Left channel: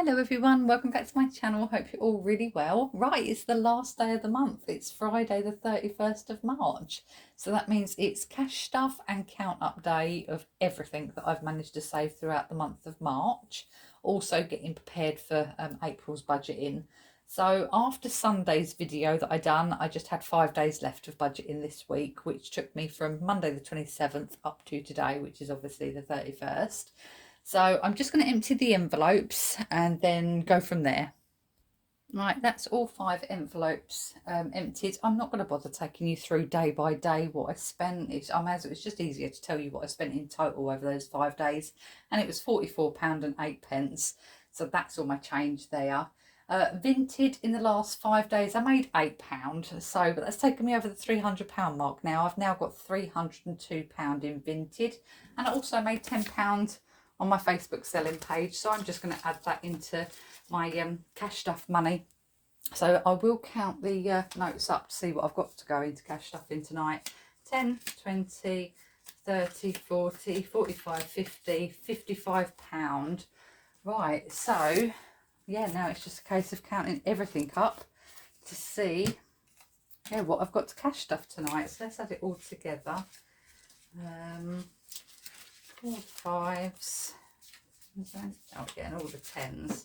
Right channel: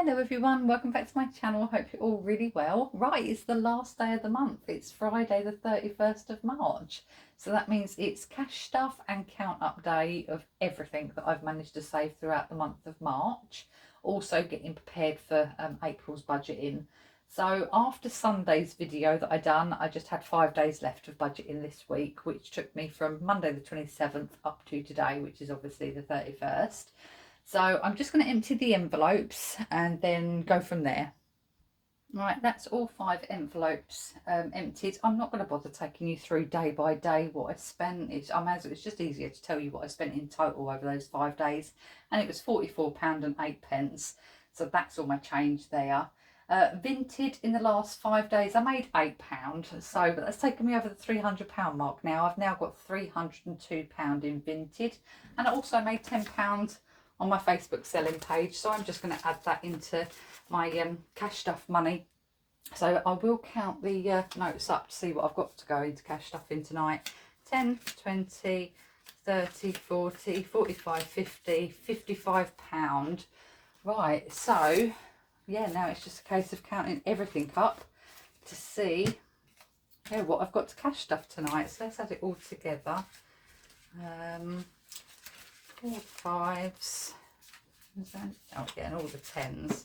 Hello everyone, welcome back to my channel. Hope you're all really well. Right, it's the last day of the month. It's Friday the 31st of March. So that means it's cash stuff and count up day of everything that I've managed to save throughout the month of March. Also getting prepared for April's budgeting. So after Sunday's video that I done, I just had 5 days left of budgeting this week, which took me from Monday the 27th up to today, which is obviously the 31st. So I'm just going to empty the envelopes and then go from there. Right, that's all 5 envelopes emptied. I'm not going to bother taking you through day by day what I spent. It's just easier to tell you what I spent in total over those 5 days. And it was £44.08. So that's all my change there. Vinted in the last 5 days, I made £8. So, but that's taken me over the £300 mark now. I've now got £302 in Vinted. And I also made £10 on my Facebook selling page, so I'm just going to add that into my cash stuff money. So I will count the notes up to see what I've got to go into cash stuff in tonight. 10, 20, 30, 40, 45, 50, £55. Right, so yeah, now it's just a case of counting everything up to see what I've got to cash stuff tonight. So let's add it all together. 4 5s. Oh, getting all the 10s.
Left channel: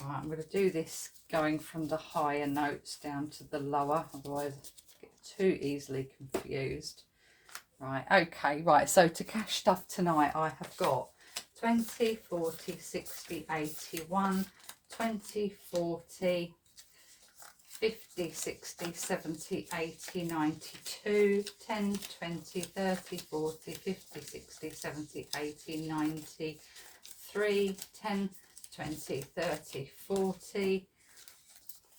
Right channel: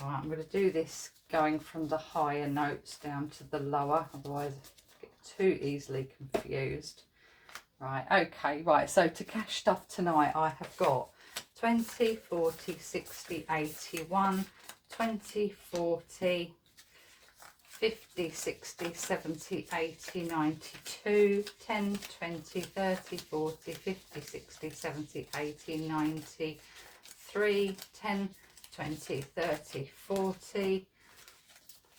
Right, I'm going to do this going from the higher notes down to the lower, otherwise I get too easily confused. Right, okay, right, so to cash stuff tonight, I have got 20, 40, 60, 81, 20, 40, 50, 60, 70, 80, 92, 10, 20, 30, 40, 50, 60, 70, 80, 93, 10, 20, 30, 40,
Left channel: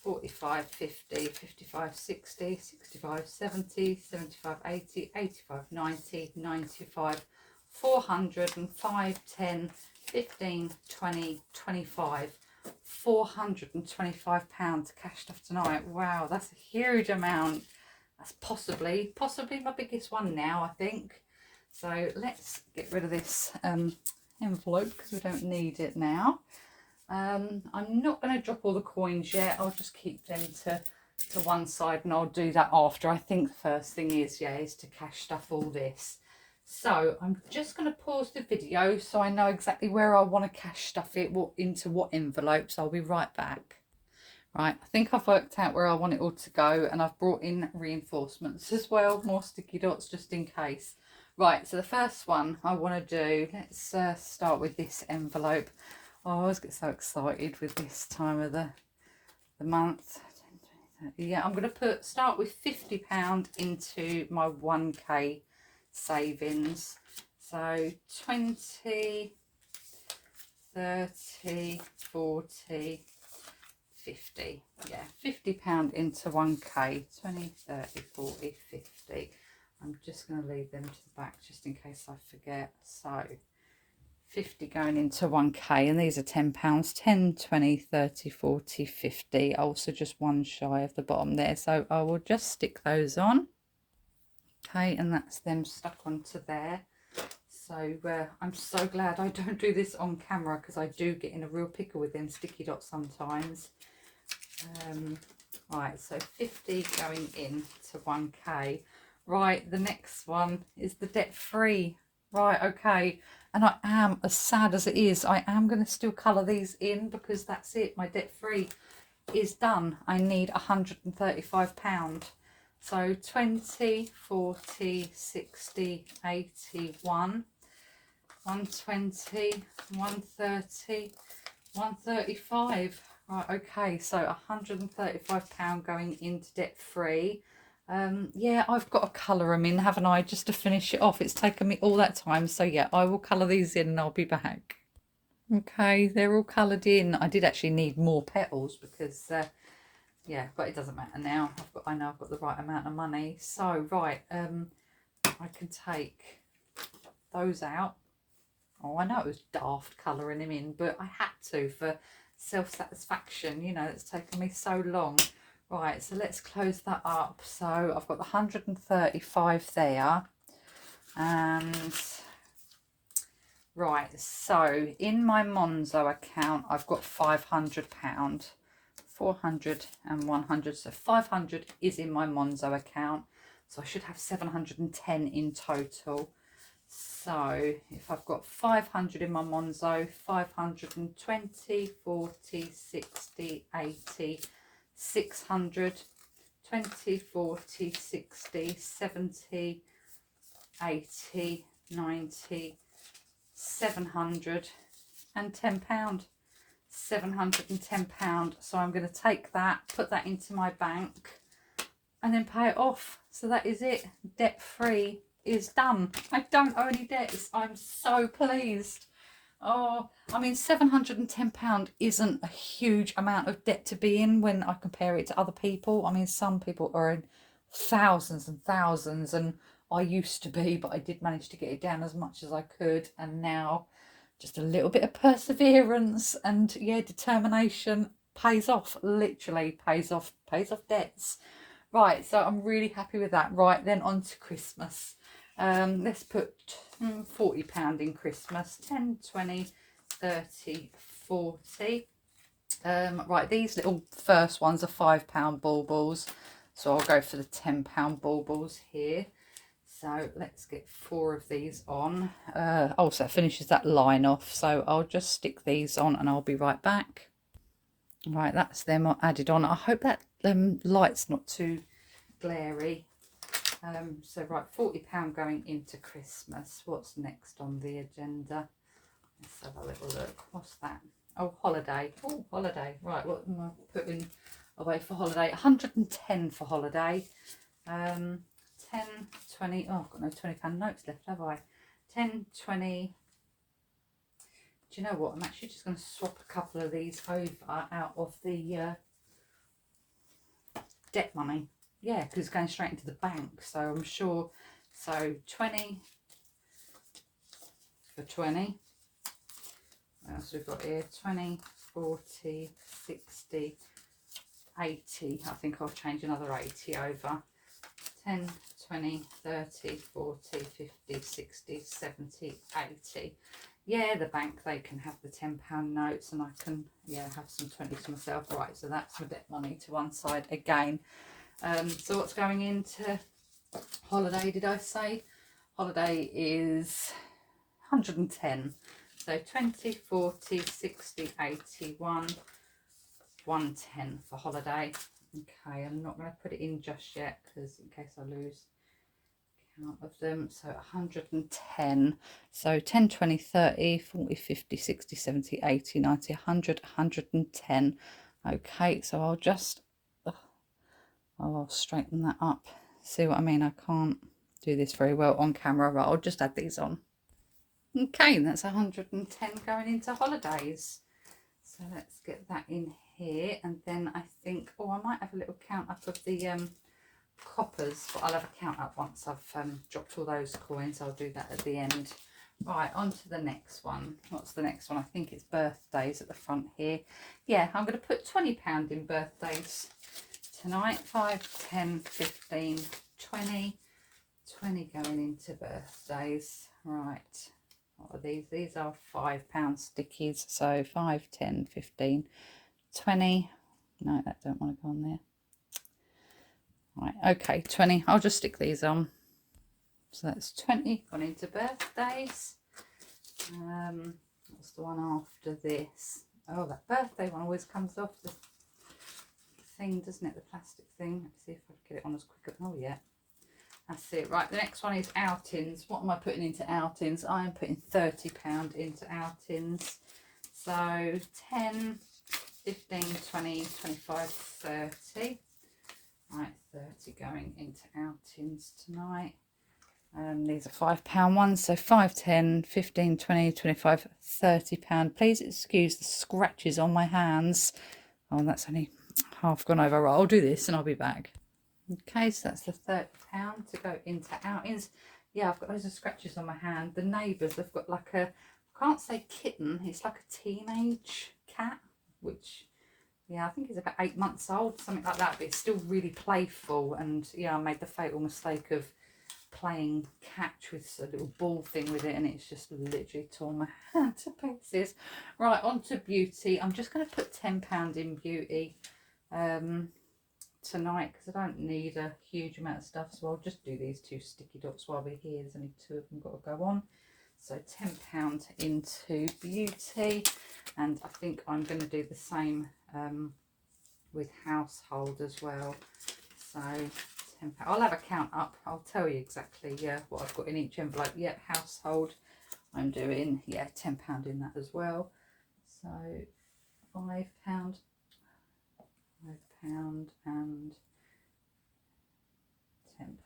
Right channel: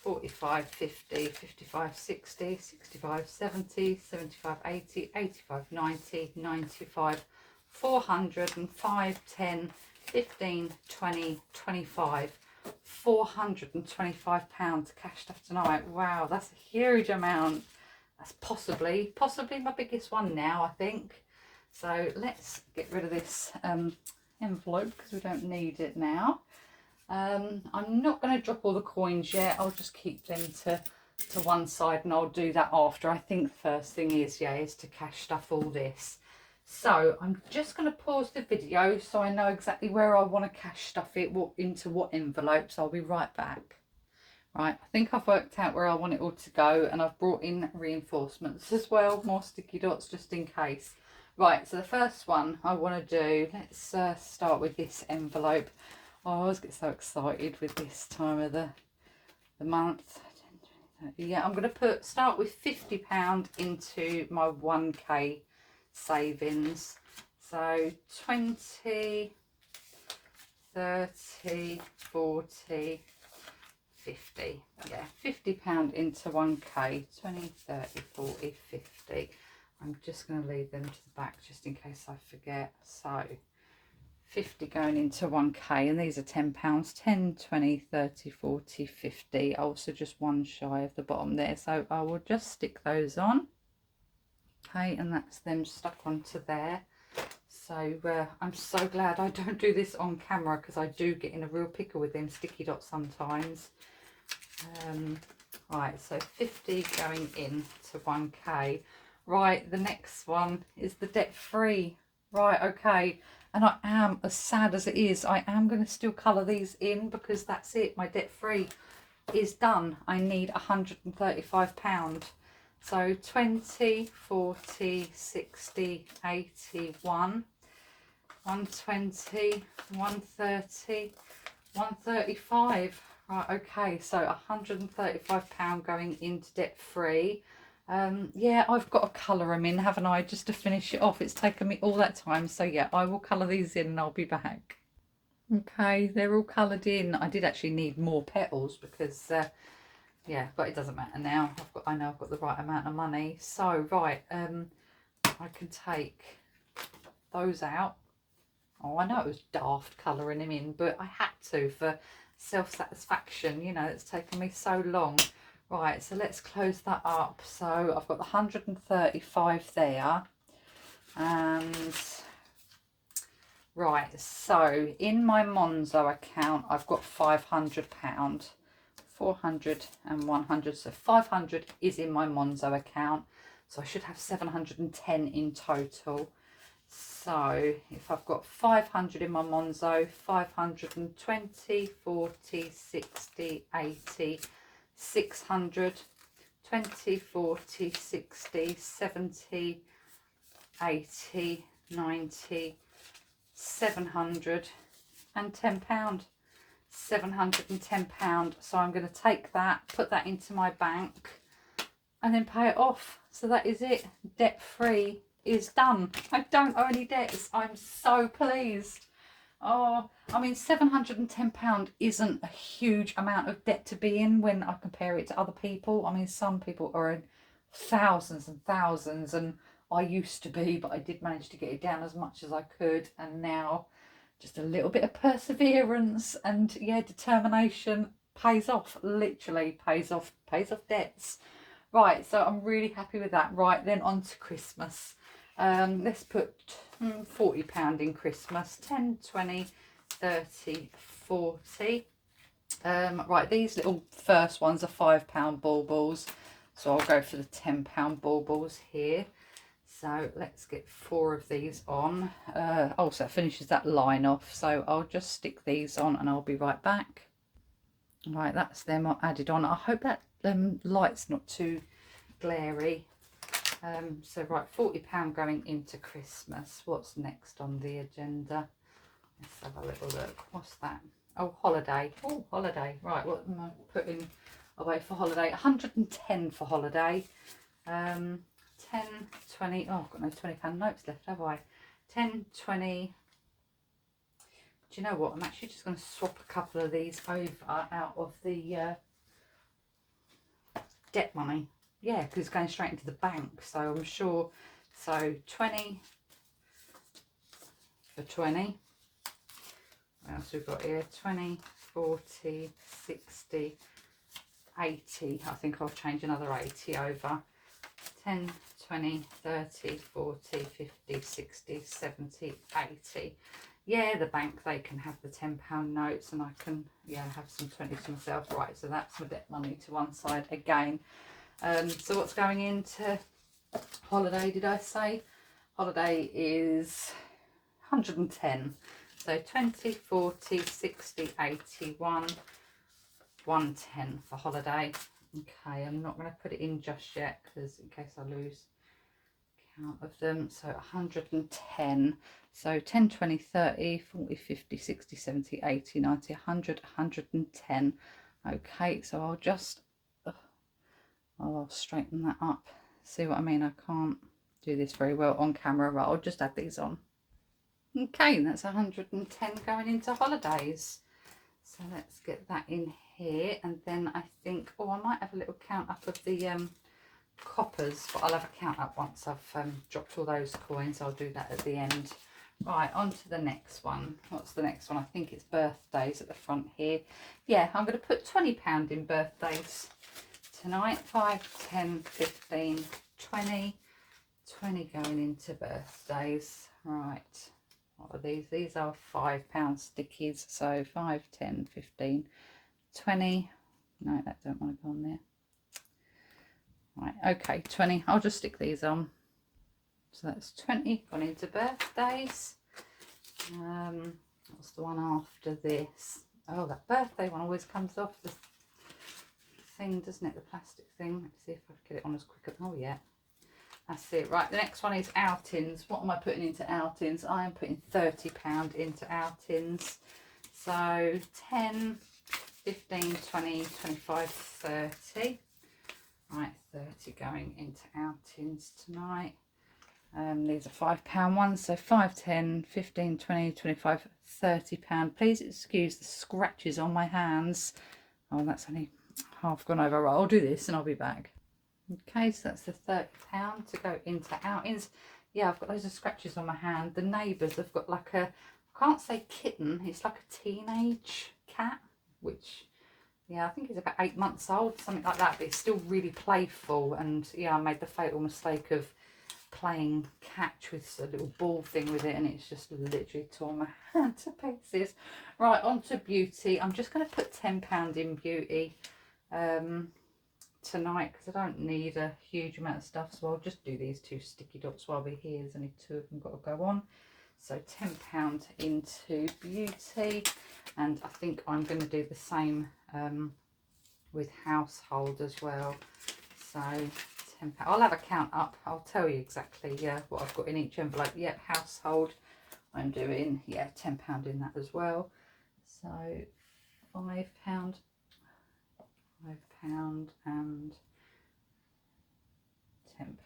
45, 50, 55, 60, 65, 70, 75, 80, 85, 90, 95, 405, 10, 15, 20, 25. £425 cash stuff tonight. Wow, that's a huge amount. That's possibly my biggest one now, I think. So let's get rid of this envelope because we don't need it now. I'm not going to drop all the coins yet. I'll just keep them to one side, and I'll do that after. I think the first thing is to cash stuff all this. So I'm just going to pause the video so I know exactly where I want to cash stuff it, into what envelopes. I'll be right back. Right, I think I've worked out where I want it all to go, and I've brought in reinforcements as well, more sticky dots just in case. Right, so the first one I want to do, let's start with this envelope. Oh, I always get so excited with this time of the month. Yeah, I'm going to start with £50 into my 1k savings. So 20, 30, 40, 50. Yeah, £50 into 1k. 20, 30, 40, 50. I'm just going to leave them to the back just in case I forget. So 50 going into 1k, and these are £10. 10, 20, 30, 40, 50. Also just one shy of the bottom there, so I will just stick those on. Okay, and that's them stuck onto there. So I'm so glad I don't do this on camera, because I do get in a real pickle with them sticky dots sometimes. Right, so 50 going in to 1k. Right, the next one is the debt free. Right, okay, and I am, as sad as it is, I am going to still colour these in, because that's it, my debt free is done. I need £135. So 20, 40, 60, 81, 120, 130, 135. Right, okay, so £135 going into debt free. Yeah, I've got to colour them in, haven't I, just to finish it off. It's taken me all that time. So yeah, I will colour these in and I'll be back. Okay, they're all coloured in. I did actually need more petals because yeah, but it doesn't matter now. I know I've got the right amount of money. So right, I can take those out. Oh, I know it was daft colouring them in, but I had to for self-satisfaction. You know, it's taken me so long. Right, so let's close that up. So I've got the 135 there, and Right, so in my Monzo account, I've got £500, 400 and 100. So 500 is in my Monzo account. So I should have 710 in total. So if I've got 500 in my Monzo, 520, 40, 60, 80, 600, 20, 40, 60, 70, 80, 90, 710 £710. So I'm going to take that, put that into my bank, and then pay it off. So that is it. Debt free is done. I don't owe any debts. I'm so pleased. Oh, I mean, £710 isn't a huge amount of debt to be in when I compare it to other people. I mean, some people are in thousands and thousands, and I used to be, but I did manage to get it down as much as I could. And now just a little bit of perseverance and, yeah, determination pays off, literally pays off debts. Right, so I'm really happy with that. Right, then on to Christmas. Let's put £40 in Christmas. 10, 20, 30, 40. Right, these little first ones are £5 baubles. So I'll go for the £10 baubles here. So let's get 4 of these on. Oh, so it finishes that line off. So I'll just stick these on and I'll be right back. Right, that's them added on. I hope that light's not too glary. So right, £40 going into Christmas. What's next on the agenda? Let's have a little look. What's that? Oh, holiday. Oh, holiday. Right, what am I putting away for holiday? 110 for holiday. 10, 20. Oh, I've got no £20 notes left, have I? 10, 20. Do you know what? I'm actually just going to swap a couple of these over out of the debt money. Yeah, because it's going straight into the bank. So I'm sure. So 20 for 20. What else we've got here? 20, 40, 60, 80. I think I'll change another 80 over. 10, 20, 30, 40, 50, 60, 70, 80. Yeah, the bank, they can have the £10 notes and I can, yeah, have some 20s to myself. Right, so that's my debt money to one side again. So what's going into holiday, did I say? Holiday is 110. So 20, 40, 60, 81, 110 for holiday. Okay, I'm not going to put it in just yet because in case I lose count of them. So 110. So 10, 20, 30, 40, 50, 60, 70, 80, 90, 100, 110. Okay, so I'll just, I'll straighten that up. See what I mean? I can't do this very well on camera. Right, I'll just add these on. Okay, that's 110 going into holidays. So let's get that in here. And then I think, oh, I might have a little count up of the coppers, but I'll have a count up once I've dropped all those coins. I'll do that at the end. Right, on to the next one. What's the next one? I think it's birthdays at the front here. Yeah, I'm going to put £20 in birthdays tonight. 5, 10, 15, 20. 20 going into birthdays. Right. What are these? These are £5 stickies. So 5, 10, 15, 20. No, that don't want to go on there. Right, okay, 20. I'll just stick these on. So that's 20 gone into birthdays. What's the one after this? Oh, that birthday one always comes off the thing, doesn't it? The plastic thing. Let's see if I can get it on as quick as, oh yeah. That's it. Right, the next one is outings. What am I putting into outings? I am putting £30 into outings. So 10, 15, 20, 25, 30. Right, 30 going into outings tonight. These are £5 ones, so 5, 10, 15, 20, 25, £30. Please excuse the scratches on my hands. Oh, that's only half gone over. Right, I'll do this and I'll be back. Okay, so that's the £30 to go into outings. Yeah, I've got loads of scratches on my hand. The neighbours have got like a, I can't say kitten, it's like a teenage cat, which, yeah, I think he's about 8 months old, something like that, but it's still really playful. And yeah, I made the fatal mistake of playing catch with a little ball thing with it, and it's just literally torn my hand to pieces. Right, on to Beauty. I'm just going to put £10 in Beauty tonight, because I don't need a huge amount of stuff, so I'll just do these 2 sticky dots while we're here. There's only 2 of them got to go on. So £10 into Beauty, and I think I'm going to do the same with Household as well. So £10. I'll have a count up. I'll tell you exactly what I've got in each envelope. Yep, Household. I'm doing £10 in that as well. So £5, £5 and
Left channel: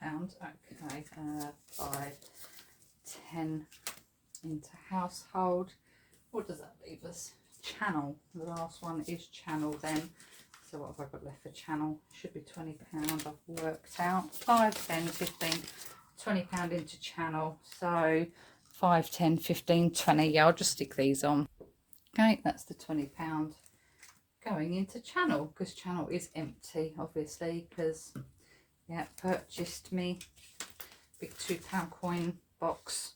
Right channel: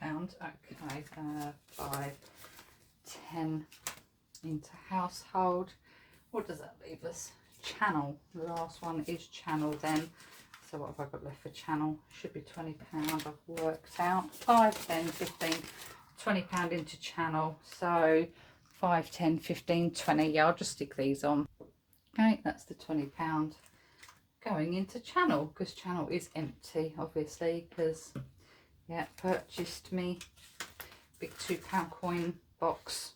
£10. Okay, 5, 10 into Household. What does that leave us? Channel. The last one is Channel then. So what have I got left for Channel? Should be £20. I've worked out. 5, 10, 15, £20 into Channel. So 5, 10, 15, 20. Yeah, I'll just stick these on. Okay, that's the £20 going into Channel, because Channel is empty, obviously, because purchased me big £2 coin box.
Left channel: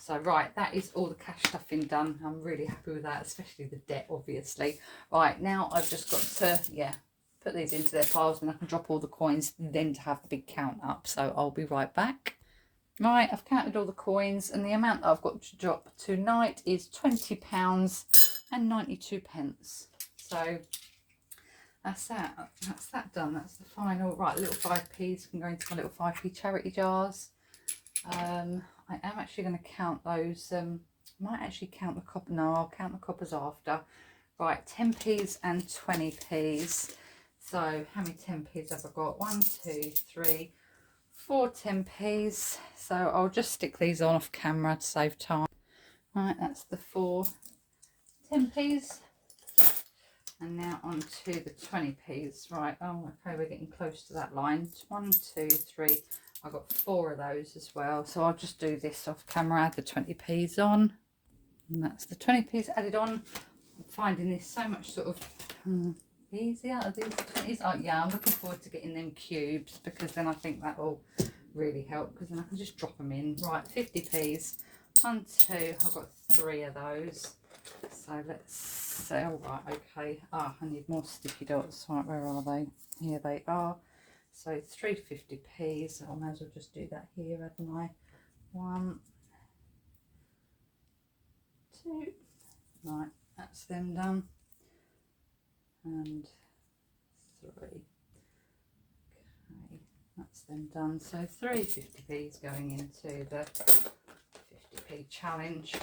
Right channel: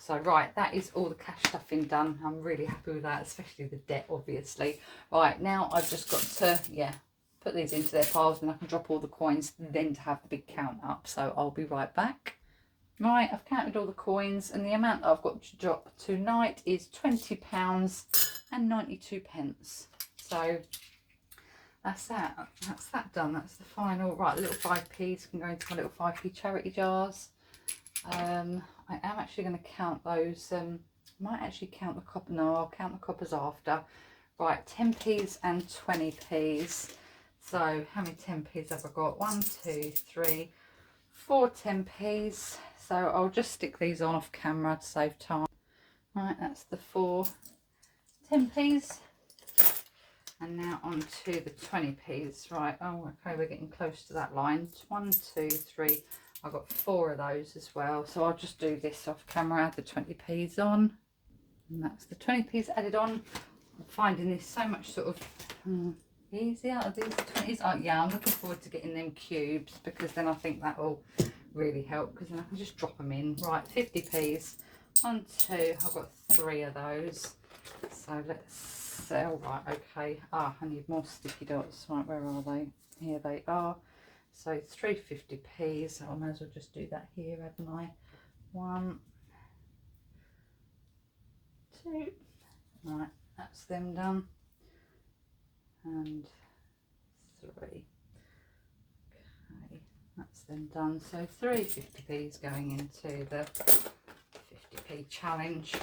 So right, that is all the cash stuffing done. I'm really happy with that, especially the debt, obviously. Right, now I've just got to put these into their piles, and I can drop all the coins then to have the big count up. So I'll be right back. Right, I've counted all the coins, and the amount that I've got to drop tonight is £20 and 92 pence. So that's that. That's that done. That's the final. Right, little 5p's can go into my little 5p charity jars. I am actually going to count those. Might actually count the copper. No, I'll count the coppers after. Right, 10p's and 20p's. So how many 10p's have I got? 1, 2, 3, 4 10p's. So I'll just stick these on off camera to save time. Right, that's the 4 10p's. And now on to the 20p's. Right, oh, okay, we're getting close to that line. 1, 2, 3. I've got 4 of those as well. So I'll just do this off camera, add the 20p's on. And that's the 20p's added on. I'm finding this so much sort of easier. Are these 20s? Oh, yeah, I'm looking forward to getting them cubes, because then I think that will really help, because then I can just drop them in. Right, 50p's. 1, 2. I've got 3 of those. So let's sell. Right, okay. I need more sticky dots. Right, where are they? Here they are. So 3 50p's. So I might as well just do that here, hadn't I? 1, 2. Right, that's them done. And 3. Okay, that's them done. So 3 50p's going into the 50p challenge.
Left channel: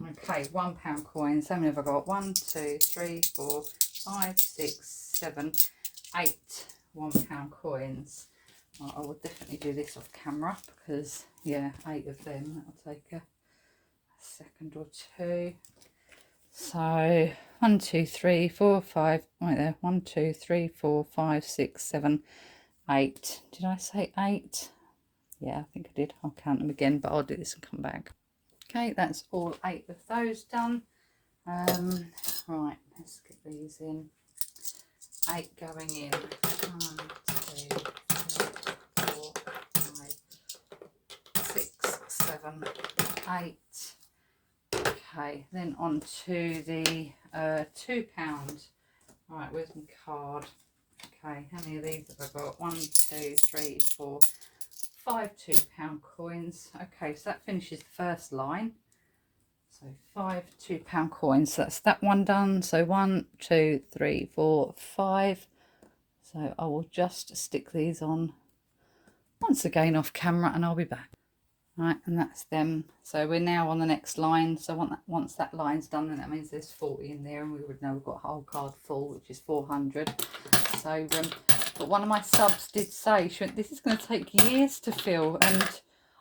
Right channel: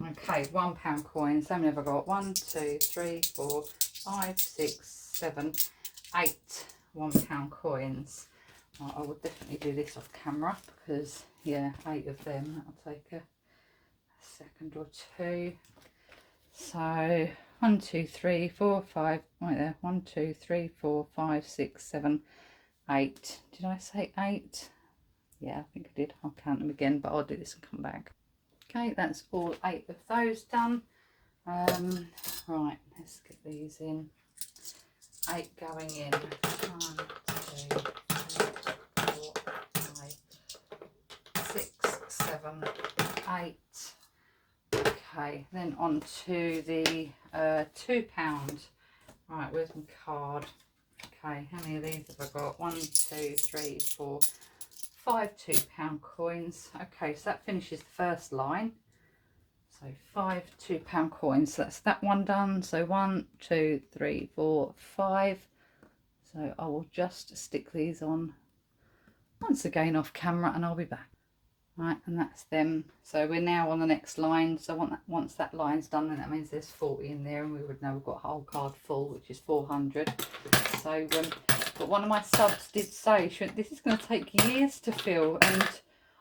Okay, £1 coins. How many have I got? 1, 2, 3, 4, 5, 6, 7, 8 £1 coins. Well, I will definitely do this off camera, because 8 of them. That'll take a second or two. So 1, 2, 3, 4, 5. Right there. 1, 2, 3, 4, 5, 6, 7, 8. Did I say 8? Yeah, I think I did. I'll count them again, but I'll do this and come back. Okay, that's all 8 of those done. Right, let's get these in. 8 going in. 1, 2, 3, 4, 5, 6, 7, 8. Okay, then on to the £2. Right, where's my card? Okay, how many of these have I got? 1, 2, 3, 4, 5 £2 coins. Okay, so that finishes the first line. So 5 £2 coins. So that's that one done. So 1, 2, 3, 4, 5. So I will just stick these on once again off camera, and I'll be back. Right, and that's them. So we're now on the next line. So once that line's done, then that means there's 40 in there, and we would know we've got a whole card full, which is 400. So but one of my subs did say, this is going to take years to fill, and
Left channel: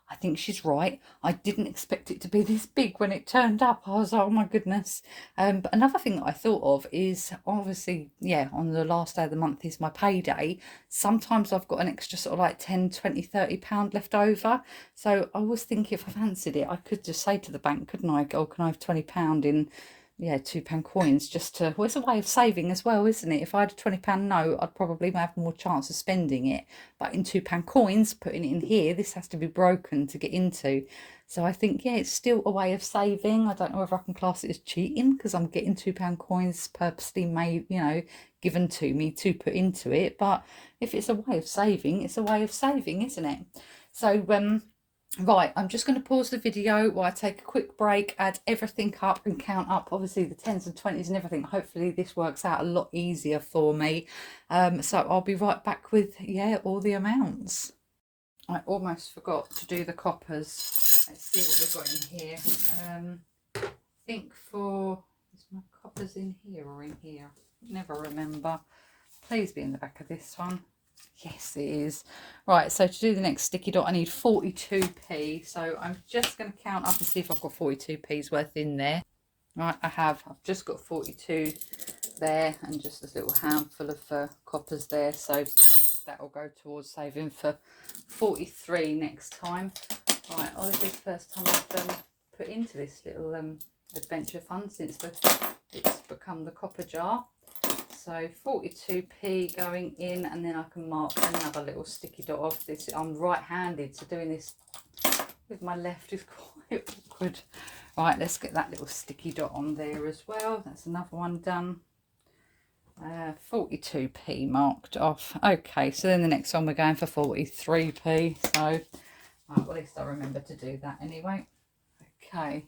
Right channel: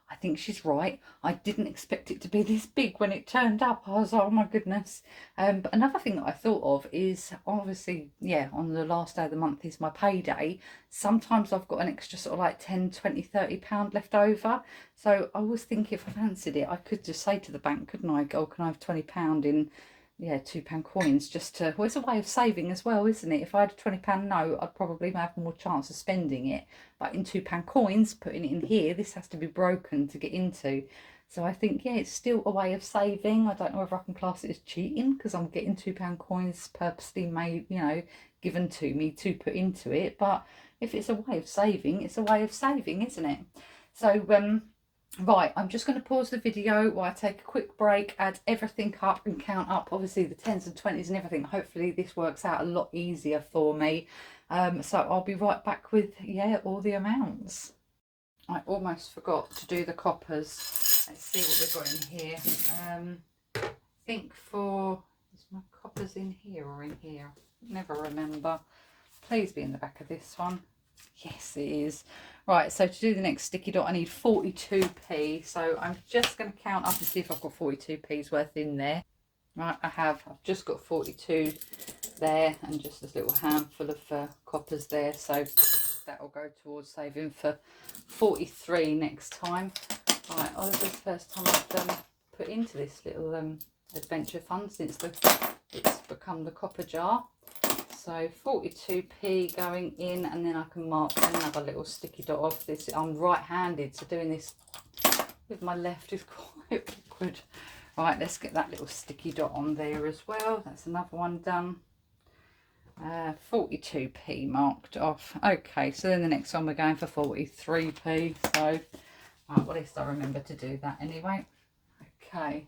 I think she's right. I didn't expect it to be this big when it turned up. I was like, oh my goodness. But another thing that I thought of is, obviously, on the last day of the month is my payday. Sometimes I've got an extra sort of like 10, 20, 30 pound left over. So I was thinking, if I fancied it, I could just say to the bank, couldn't I? Oh, can I have £20 in yeah, £2 coins just to, well, it's a way of saving as well, isn't it? If I had a £20 note, I'd probably have more chance of spending it. But in £2 coins, putting it in here, this has to be broken to get into. So I think, yeah, it's still a way of saving. I don't know if I can class it as cheating because I'm getting £2 coins purposely made, given to me to put into it. But if it's a way of saving, it's a way of saving, isn't it? So, right, I'm just going to pause the video while I take a quick break, add everything up and count up, obviously the 10s and 20s and everything. Hopefully this works out a lot easier for me. So I'll be right back with, yeah, all the amounts. I almost forgot to do the coppers. Let's see what we've got in here. I think is my coppers in here or in here? Never remember. Please be in the back of this one. Yes, it is. Right, so to do the next sticky dot, I need 42p. So I'm just going to count up and see if I've got 42p's worth in there. Right, I've just got 42 there and just a little handful of coppers there. So that will go towards saving for 43 next time. Right, this is the first time I've put into this little adventure fund since it's become the copper jar. So 42p going in, and then I can mark another little sticky dot off this. I'm right-handed, so doing this with my left is quite awkward. Right, let's get that little sticky dot on there as well. That's another one done. 42p marked off. Okay, so then the next one we're going for 43p. So, right, well, at least I remember to do that anyway. Okay.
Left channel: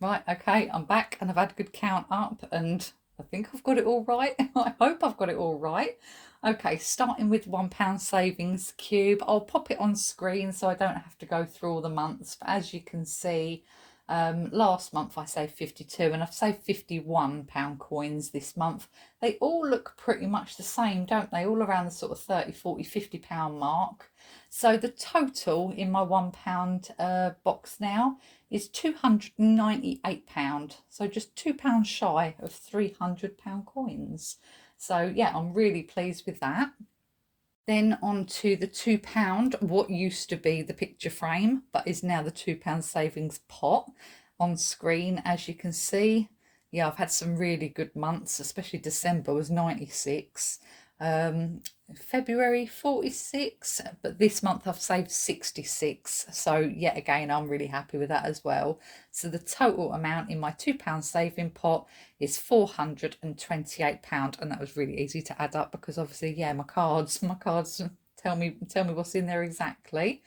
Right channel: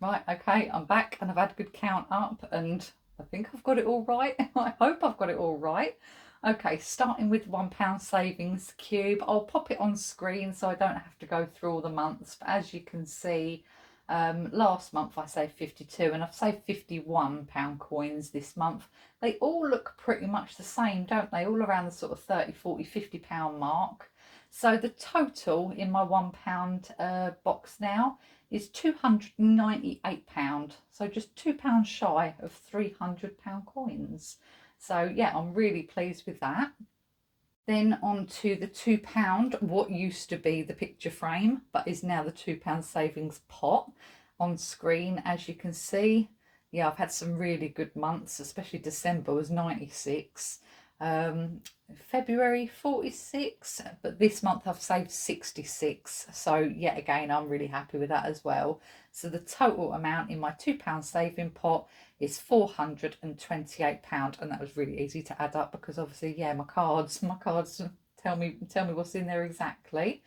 Right, okay, I'm back and I've had a good count up and I think I've got it all right. I hope I've got it all right. Okay, starting with £1 savings cube. I'll pop it on screen so I don't have to go through all the months. But as you can see, last month I saved 52 and I've saved £51 coins this month. They all look pretty much the same, don't they? All around the sort of 30, 40, £50 mark. So the total in my £1 box now is £298. So just £2 shy of £300 coins. So yeah, I'm really pleased with that. Then on to the £2, what used to be the picture frame, but is now the £2 savings pot on screen, as you can see. Yeah, I've had some really good months, especially December was 96. February 46, but this month I've saved 66. So yet again, I'm really happy with that as well. So the total amount in my £2 saving pot is £428, and that was really easy to add up because obviously, yeah, my cards tell me what's in there exactly.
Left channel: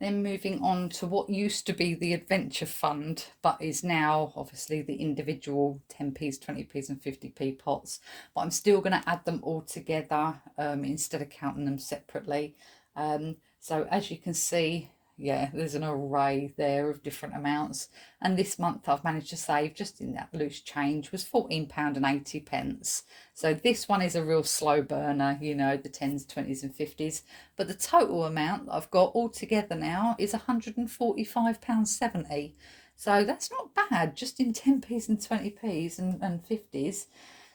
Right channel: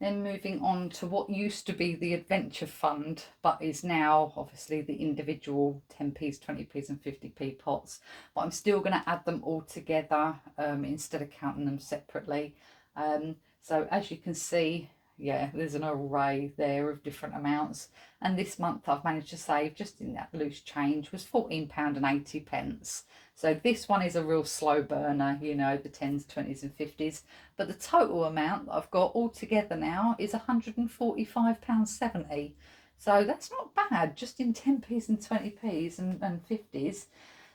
Then moving on to what used to be the adventure fund, but is now obviously the individual 10p's, 20p's and 50p pots. But I'm still going to add them all together instead of counting them separately. So as you can see, yeah, there's an array there of different amounts. And this month I've managed to save, just in that loose change, was £14.80. So this one is a real slow burner, the 10s, 20s and 50s. But the total amount that I've got all together now is £145.70. So that's not bad, just in 10p's and 20p's and 50s.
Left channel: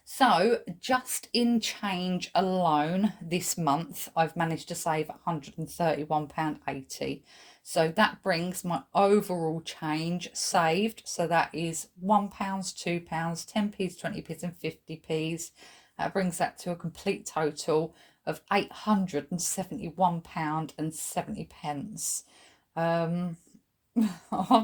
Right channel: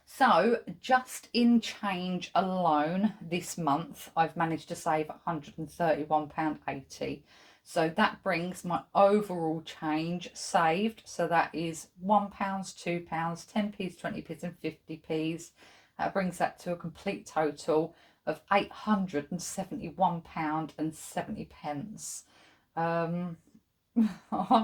So just in change alone this month, I've managed to save £131.80. So that brings my overall change saved. So that is £1, £2, 10p's, 20p's and 50p's. That brings that to a complete total of £871.70. I'm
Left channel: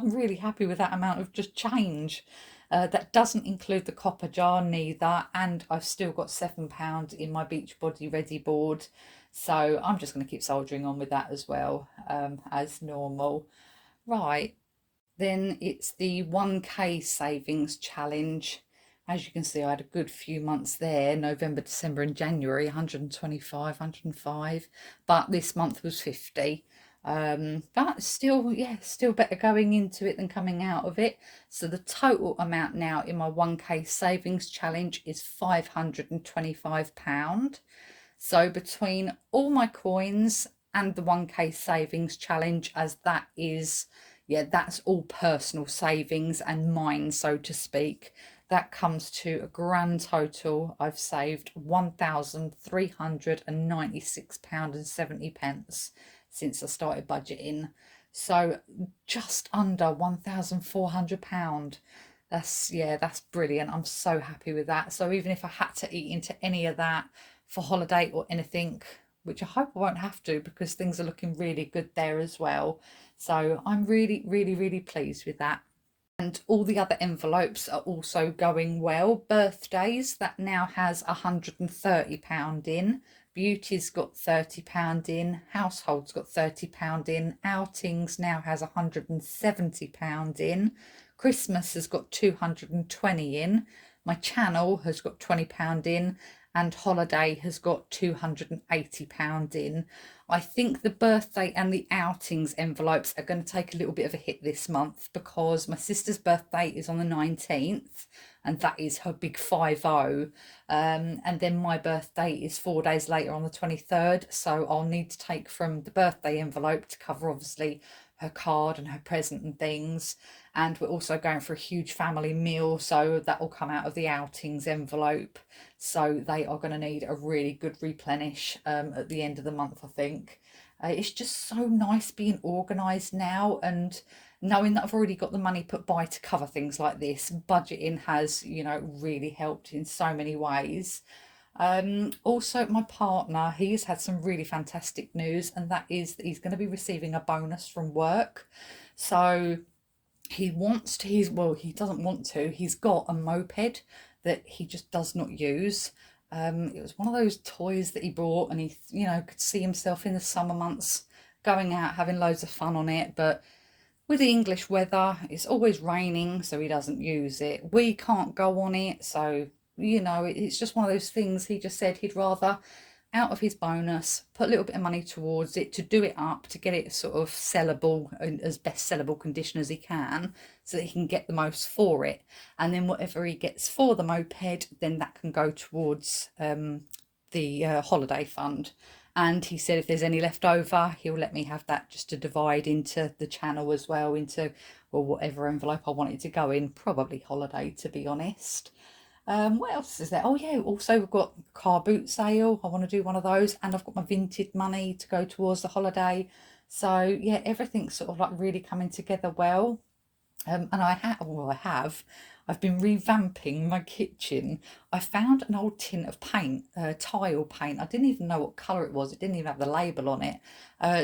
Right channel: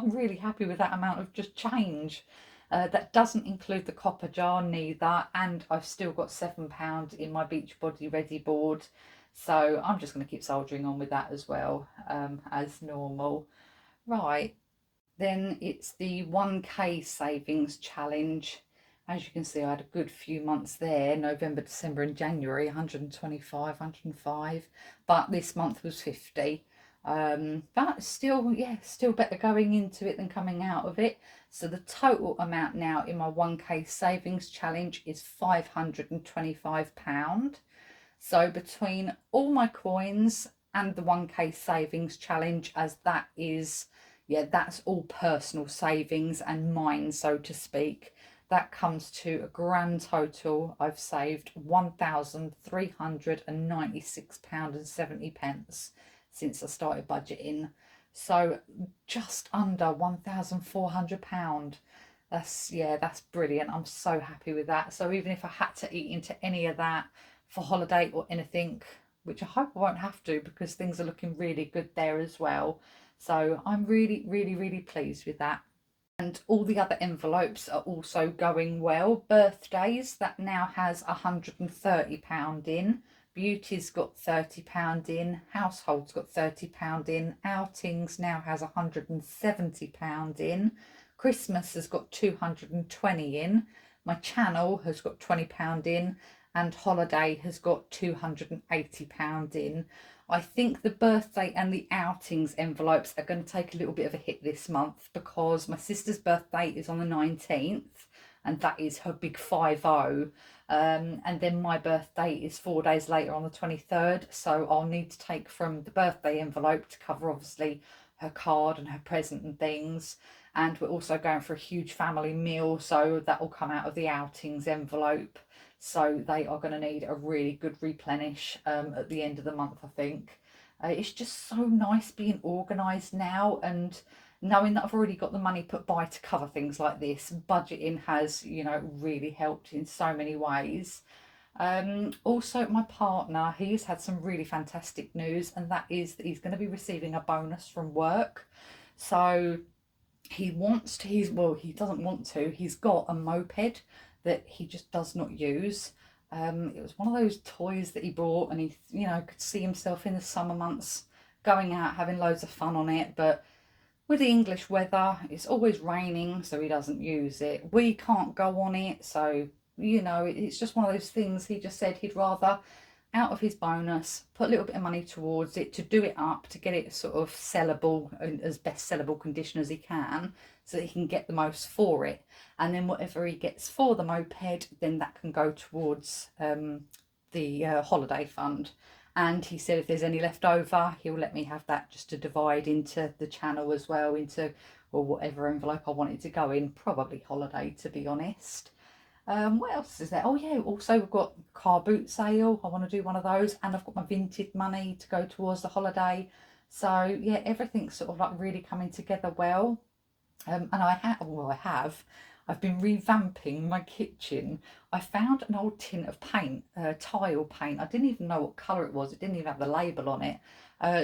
really happy with that amount of just change. That doesn't include the copper jar neither, and I've still got £7 in my Beachbody Ready board. So I'm just going to keep soldiering on with that as well, as normal. Right, then it's the 1k savings challenge. As you can see, I had a good few months there, November, December and January, 125, 105, but this month was 50. But still, yeah, still better going into it than coming out of it. So the total amount now in my 1k savings challenge is £525. So between all my coins and the 1k savings challenge, as that is, yeah, that's all personal savings and mine, so to speak, that comes to a grand total. I've saved £1,396.70 since I started budgeting. So just under £1,400. That's brilliant. I'm so happy with that. So even if I had to eat into any of that for holiday or anything, which I hope I won't have to because things are looking really good there as well. So I'm really, really, really pleased with that. And all the other envelopes are also going well. Birthdays, that now has £130 in. Beauty's got £30 in. Household's got £30 in. Outings now has £170 in. Christmas has got 220 in. My channel has got £20 in. And holiday has got £280 in. I think the birthday and the outings envelopes are going to take a little bit of a hit this month because my sister's birthday is on the 19th and that is her big 50. And then my birthday is 4 days later on the 23rd. So I'll need to take from the birthday envelope to cover obviously her card and her present and things. And we're also going for a huge family meal. So that will come out of the outings envelope. So they are going to need a really good replenish at the end of the month, I think. It's just so nice being organised now and knowing that I've already got the money put by to cover things like this. Budgeting has, really helped in so many ways. Also, my partner, he's had some really fantastic news, and that is that he's going to be receiving a bonus from work. So he doesn't want to. He's got a moped that he just does not use. It was one of those toys that he bought, and he, could see himself in the summer months going out having loads of fun on it. But with the English weather, it's always raining, so he doesn't use it. We can't go on it, so it's just one of those things. He just said he'd rather out of his bonus put a little bit of money towards it to do it up, to get it sort of sellable in as best sellable condition as he can, so that he can get the most for it. And then whatever he gets for the moped, then that can go towards the holiday fund. And he said if there's any left over, he'll let me have that just to divide into the channel as well, into whatever envelope I want it to go in, probably holiday to be honest. What else is there? Oh yeah, also we've got car boot sale. I want to do one of those, and I've got my Vinted money to go towards the holiday. So yeah, everything's sort of like really coming together well. And I've been revamping my kitchen. I found an old tin of paint, tile paint. I didn't even know what colour it was. It didn't even have the label on it.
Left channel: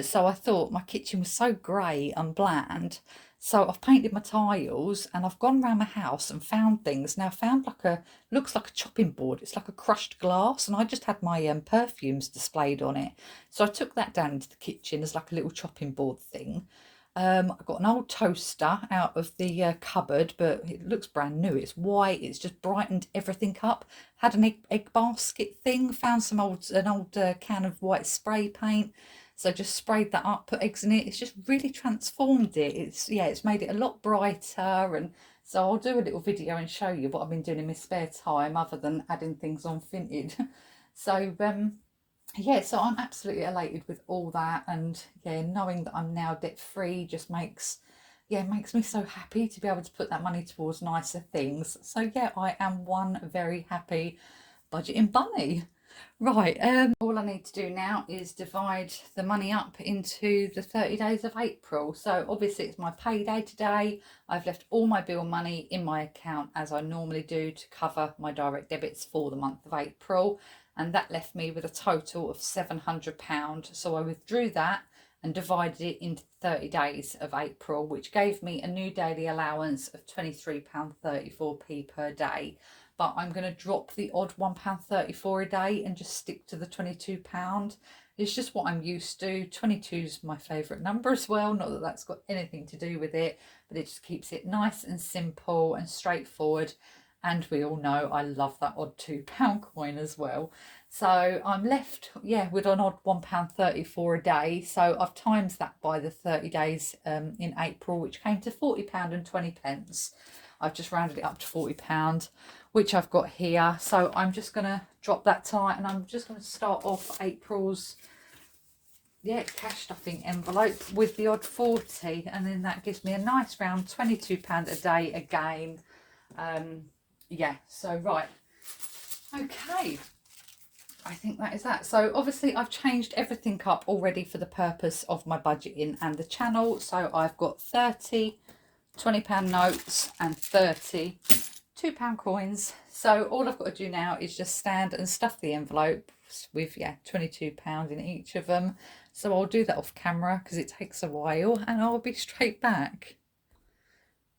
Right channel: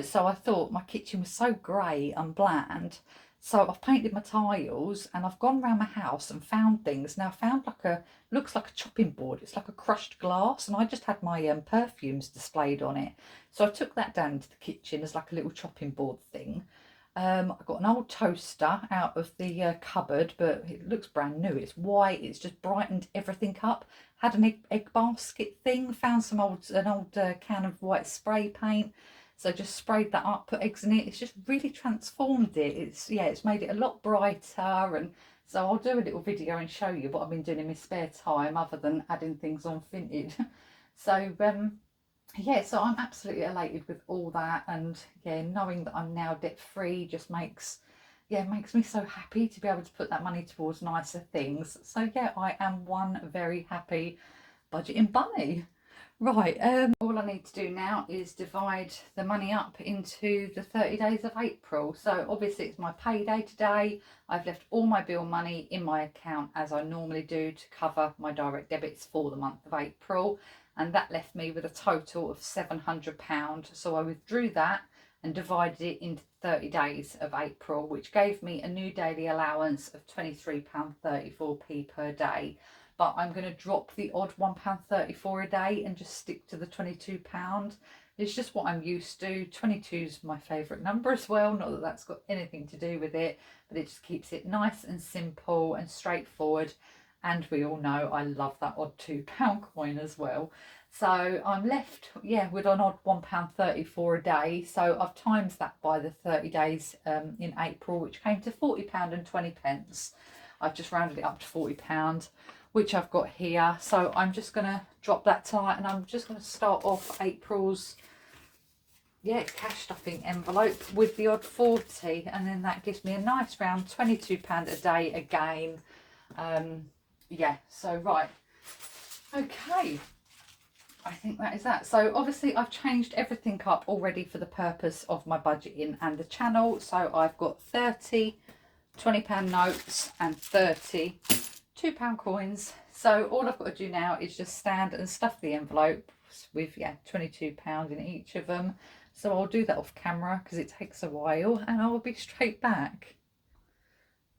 So I thought my kitchen was so grey and bland. So I've painted my tiles and I've gone around the house and found things. Now I found looks like a chopping board. It's like a crushed glass, and I just had my perfumes displayed on it. So I took that down into the kitchen as like a little chopping board thing. I've got an old toaster out of the cupboard, but it looks brand new. It's white. It's just brightened everything up. Had an egg basket thing. Found an old can of white spray paint. So just sprayed that up, put eggs in it. It's just really transformed it. It's made it a lot brighter. And so I'll do a little video and show you what I've been doing in my spare time, other than adding things on Vinted. So yeah, so I'm absolutely elated with all that, and yeah, knowing that I'm now debt free just makes me so happy to be able to put that money towards nicer things. So yeah, I am one very happy budgeting bunny. Right, all I need to do now is divide the money up into the 30 days of April. So obviously it's my payday today. I've left all my bill money in my account as I normally do to cover my direct debits for the month of April. And that left me with a total of £700. So I withdrew that and divided it into 30 days of April, which gave me a new daily allowance of £23.34p per day. But I'm going to drop the odd £1.34 a day and just stick to the £22. It's just what I'm used to. 22 is my favourite number as well. Not that that's got anything to do with it, but it just keeps it nice and simple and straightforward. And we all know I love that odd £2 coin as well. So I'm left, with an odd £1.34 a day. So I've times that by the 30 days in April, which came to £40.20. I've just rounded it up to £40, which I've got here. So I'm just going to drop that tie, and I'm just going to start off April's cash stuffing envelope with the odd 40, and then that gives me a nice round £22 a day again. So right, okay, I think that is that. So obviously I've changed everything up already for the purpose of my budgeting and the channel. So I've got 30, £20 notes and 30 £2 coins. So all I've got to do now is just stand and stuff the envelopes with, yeah, £22 in each of them. So I'll do that off camera because it takes a while, and I'll be straight back.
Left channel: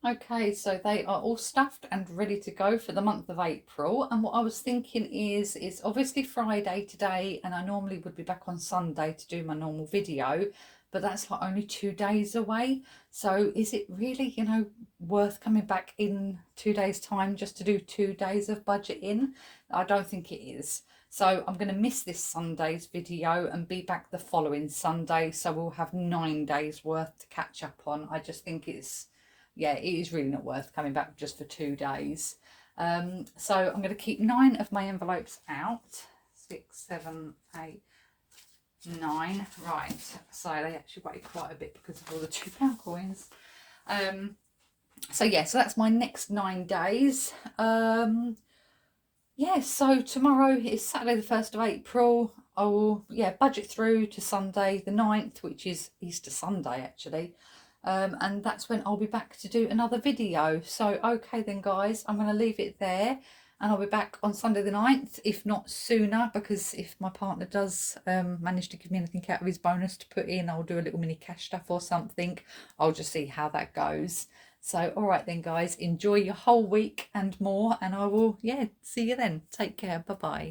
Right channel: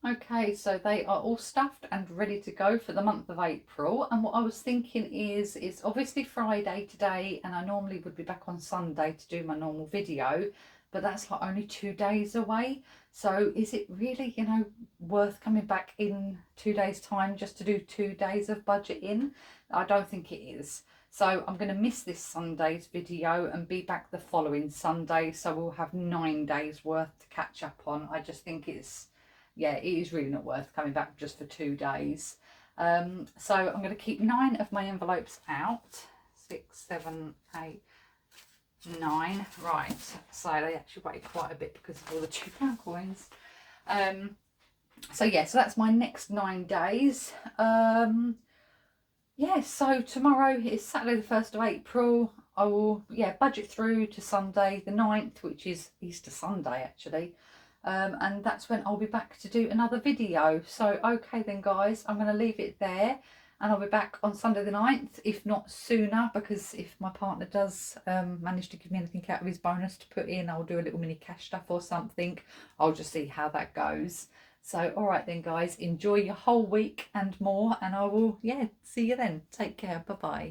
Okay, so they are all stuffed and ready to go for the month of April. And what I was thinking is, it's obviously Friday today, and I normally would be back on Sunday to do my normal video, but that's like only 2 days away. So is it really, you know, worth coming back in 2 days' time just to do 2 days of budgeting? I don't think it is. So I'm going to miss this Sunday's video and be back the following Sunday. So we'll have 9 days worth to catch up on. I just think it's, yeah, it is really not worth coming back just for 2 days. So I'm going to keep 9 of my envelopes out. 6, 7, 8, 9. Right, so they actually weigh quite a bit because of all the £2 coins. So yeah, so that's my next 9 days. Yeah, so tomorrow is Saturday the 1st of April. I will, yeah, budget through to Sunday the 9th, which is Easter Sunday actually. And that's when I'll be back to do another video. So okay then guys, I'm going to leave it there, and I'll be back on Sunday the 9th, if not sooner, because if my partner does manage to give me anything out of his bonus to put in, I'll do a little mini cash stuff or something. I'll just see how that goes. So all right then guys, enjoy your whole week and more, and I will, yeah, see you then. Take care. Bye bye.